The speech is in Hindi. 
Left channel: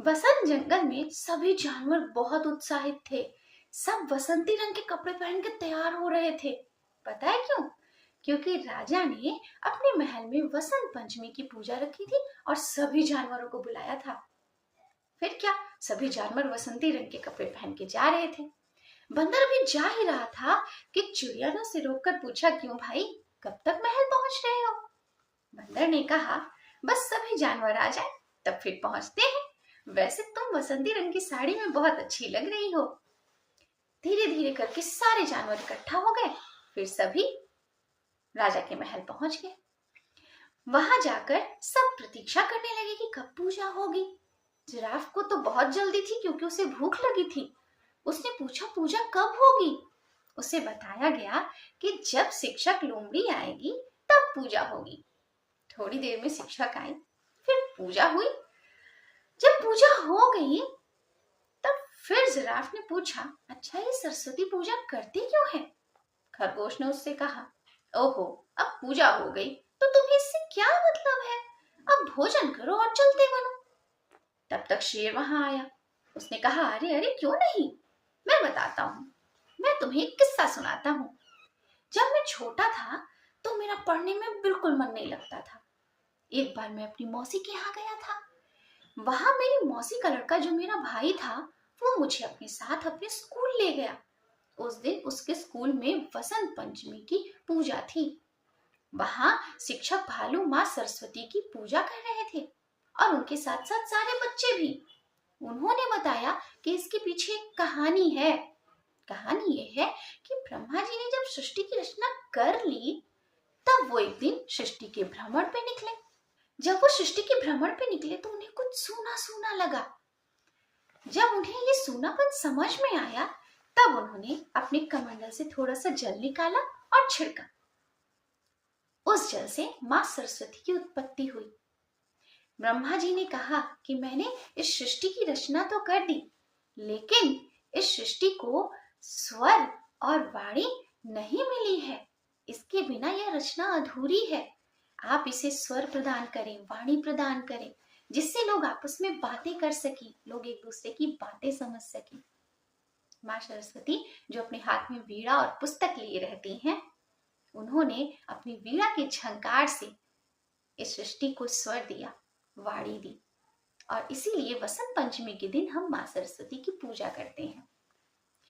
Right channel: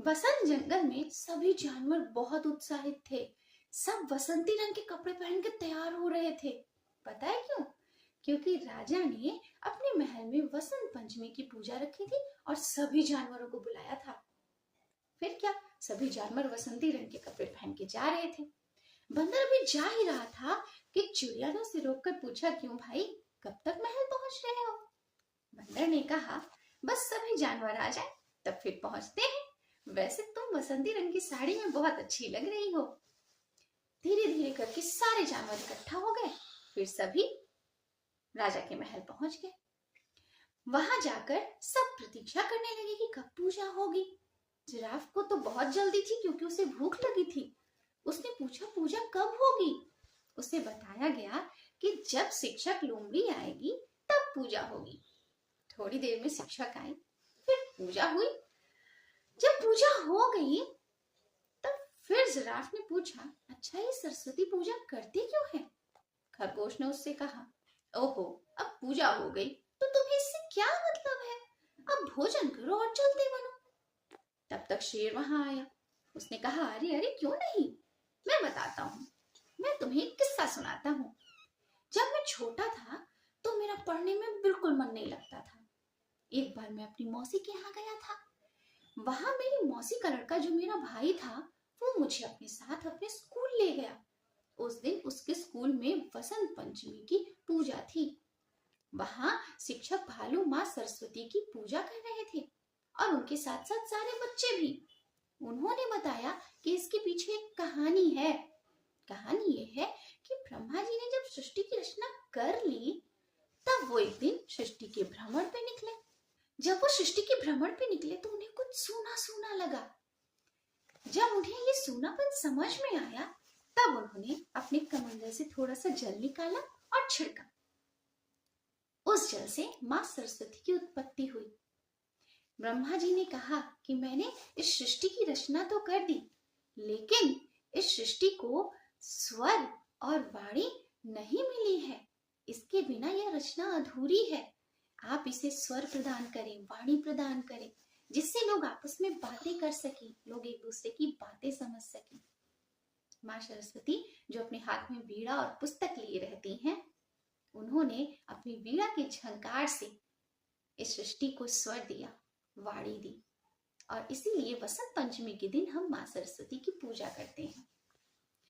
वसंत जंगल में सभी जानवर बहुत उत्साहित थे। सब वसंती रंग के कपड़े पहन के तैयार हो रहे थे। पता है क्यों? क्योंकि राजा ने अपने महल में वसंत पंचमी की पूजा रखी थी और सभी जानवरों को बुलाया था। फिर क्या, सभी जानवर वसंती रंग के कपड़े पहन के जा रहे थे। बंदर भी जा ही रहा था कि चिड़िया ने उसे रोककर पूछा, क्यों भाई, कब तक महल पहुंच रहे हो? बंदर ने कहा, बस सभी जानवर आ जाए तब फिर पहुंचते हैं। वैसे तुम वसंती रंग की साड़ी में बहुत अच्छी लग रही हो। धीरे धीरे करके सारे जानवर इकट्ठा हो गए। फिर सभी राजा के महल पहुंच गए। वहां जाकर सब प्रतीक्षा करने लगे कि कब पूजा होगी। जिराफ को तो बहुत जल्दी थी क्योंकि उसे भूख लगी थी। उसने पूछा, पूजा कब होगी? उसे बताया गया कि जब शिक्षक लोमड़ी आएगी तब पूजा होगी। थोड़ी देर में शिक्षक आए, फिर पूजा हुई। जब पूजा हो गई तब फिर जिराफ ने पूछा, अच्छा ये सरस्वती पूजा करते क्यों है? खरगोश ने उससे कहा, ओहो, अब पूजा हो गई तो तुम्हें इससे क्या मतलब है? अब भोजन करो और चलते बनो। तब तक शेर वहां आया। उसने कहा, अरे अरे क्यों नहीं, मैं बताता हूँ। मैं तुम्हें एक किस्सा सुनाता हूँ। जब मैं छोटा था तो मेरा पढ़ने में बिल्कुल मन नहीं लगता था। एक बार मैं अपनी मौसी के यहाँ गया था। वहां मेरी मौसी का लड़का जो मेरा भाई था, वो मुझे अपने साथ अपने स्कूल ले गया। उस दिन उसके स्कूल में वसंत पंचमी की पूजा थी। वहां शिक्षक भालू माँ सरस्वती की पूजा कर रहे थे और उनके साथ साथ सारे बच्चे भी। उन्होंने बताया कि इसके पीछे एक कहानी है। कहानी ये है कि ब्रह्मा जी ने जब सृष्टि की रचना कर ली तब वो एक दिन सृष्टि के भ्रमण पे निकले। जब वो सृष्टि के भ्रमण पे निकले तो उन्हें कुछ सूना सूना लगा। जब उन्हें ये सूनापन समझ में आया तब उन्होंने अपने कमंडल से थोड़ा सा जल निकाला और छिड़का। उस जल से माँ सरस्वती की उत्पत्ति हुई। ब्रह्मा जी ने कहा कि मैंने इस सृष्टि की रचना तो कर दी, लेकिन इस सृष्टि को स्वर और वाणी नहीं मिली है। इसके बिना यह रचना अधूरी है। आप इसे स्वर प्रदान करें, वाणी प्रदान करें, जिससे लोग आपस में बातें कर सकें, लोग एक दूसरे की बातें समझ सकें। माँ सरस्वती जो अपने हाथ में वीणा और पुस्तक लिए रहती हैं, उन्होंने अपनी वीणा की झंकार से इस सृष्टि को स्वर दिया, वाणी दी। और इसीलिए वसंत पंचमी के दिन हम माँ सरस्वती की पूजा करते हैं।